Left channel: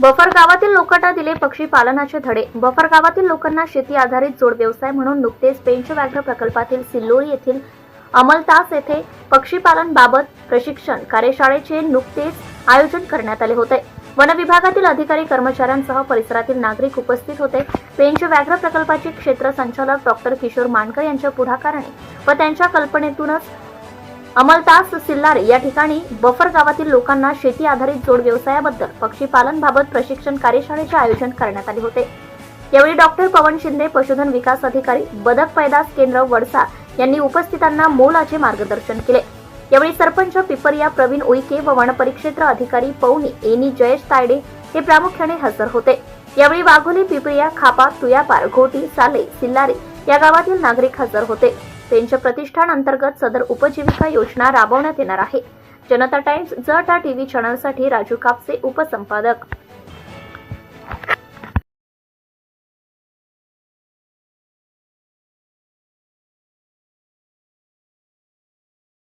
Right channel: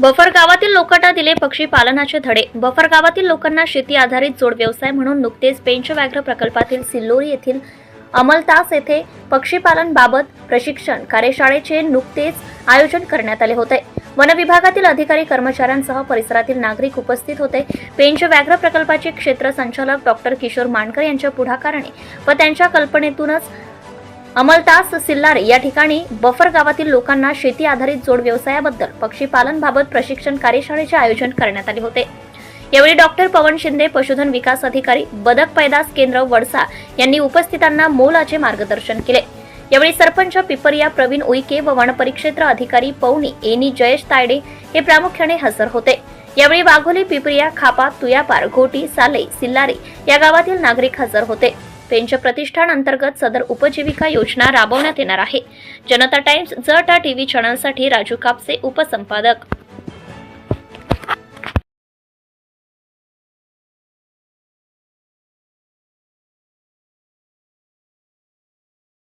Buffer गावातील लोकांना दिले पक्षी पालनाचे धडे. बफर गावातील लोकांना शेती आधारित जोड व्यवसाय म्हणून नुकतेच पेंच व्याघ्र प्रकल्पातील सिल्लोरी येथील अमलतास येथे पक्षीपालन बाबत प्रशिक्षण कार्यशाळेचे नुकतेच आयोजन करण्यात आले होते. वन विभागातील अधिकारी कर्मचाऱ्यांसह परिसरातील नागरिक उपस्थित होते. पेंच व्याघ्र प्रकल्पाचे क्षेत्र संचालक डॉक्टर किशोर मानकर यांच्या पुढाकाराने व त्यांच्या कल्पनेतूनच अमलतास सिल्लारे या ठिकाणी बफर गावातील लोकांना शेती आधारित जोड व्यवसायाबद्दल पक्षीपालनबाबत प्रशिक्षण कार्यशाळेचे आयोजन करण्यात आले होते. यावेळी डॉक्टर पवन शिंदे पशुधन विकास अधिकारी बदक पैदास केंद्र वडसा यांनी उपस्थितांना मोलाचे मार्गदर्शन केले. यावेळी सरपंच पिपरिया प्रवीण उईके व वनपरिक्षेत्र अधिकारी पवनी एनी जयेश तायडे हे प्रामुख्याने हजर होते. यावेळी वाघोली पिपरिया खापा तुयापार घोटी साले सिल्लारी या गावातील नागरिक हजर होते. पेंच प्रतिष्ठान अंतर्गत सदर उपजीविका योजना राबवण्यात येणार आहे. जनता टाइम्स जटा टीव्ही चॅनलसाठी राजू कापसे उपसंपादक.